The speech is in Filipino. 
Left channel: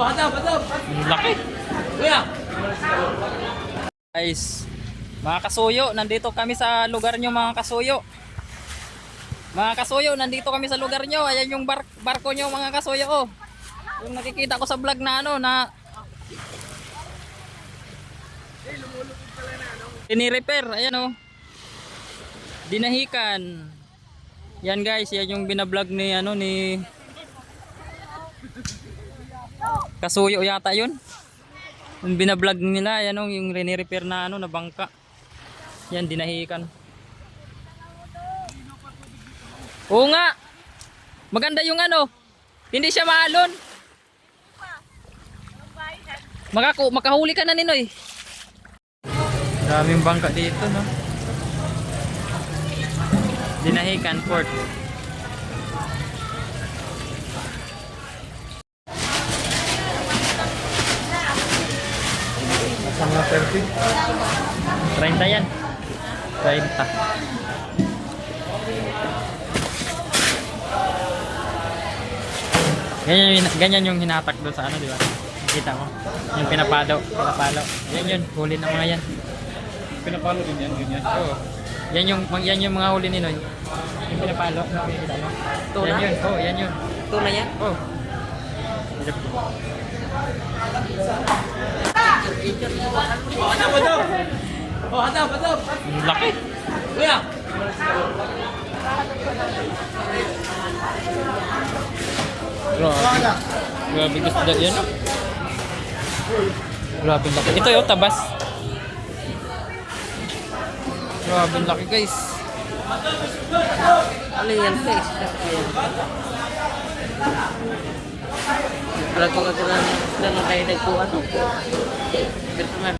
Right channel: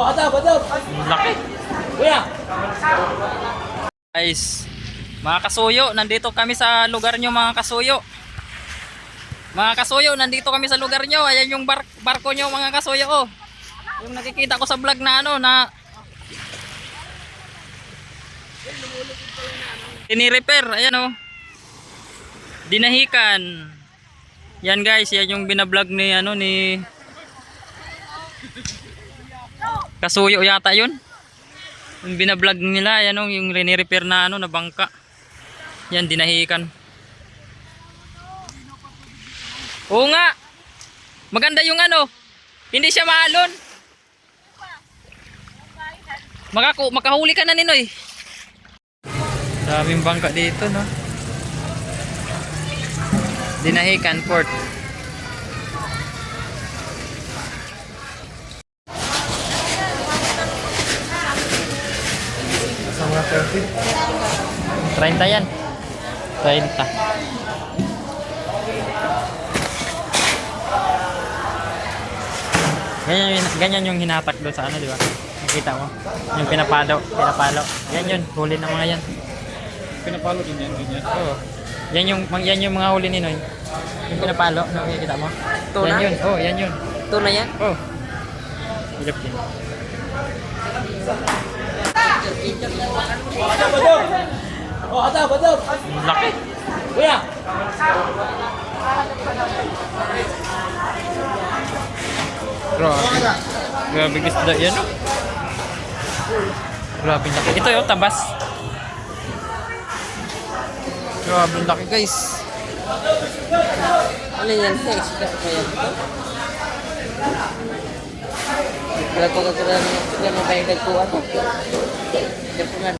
Ang laki. Guys, mga kasuyo, nandito kami sa lugar nyo mga kasuyo. Mga kasuyo, nandito kami sa lugar nyo. Ayan yung barko nyo mga kasuyo. Oh. Yung nakikita ko sa vlog na ano na ini-repair. Ayan oh. Dinahikan. Yan guys, yan yung binablog ni ano ni Kasuyo yata yun. Yung binablog nila, yan oh, yung reni-repair na ano na bangka. Yan dinahikan. Oo nga. Maganda yung ano. Hindi siya maalon. Makahuli ka na Ninoy. Daming bangka dito no. Dinahican Port. Sama 30. 30 yan. 30. Ganyan yung hinatak doon sa ano, di ba? Nakita mo? Yung pinapalo. Yan yun, huli ng mga yan. Pinapalo din yan, ganyan. Oo. Yan yung mga huli ni Noy. Yung pinapalo, nakikita mo? Tuna? Yan yun. Oh, yan yun. Tuna yan? Oh. Hirap din. Ang laki. Grabe isda yan. Grabe laki. Ito yung tabas. Grabe laki guys. Ano yan? Extra kaya ito? Wala pa kagiraan na kayo nagkuha to.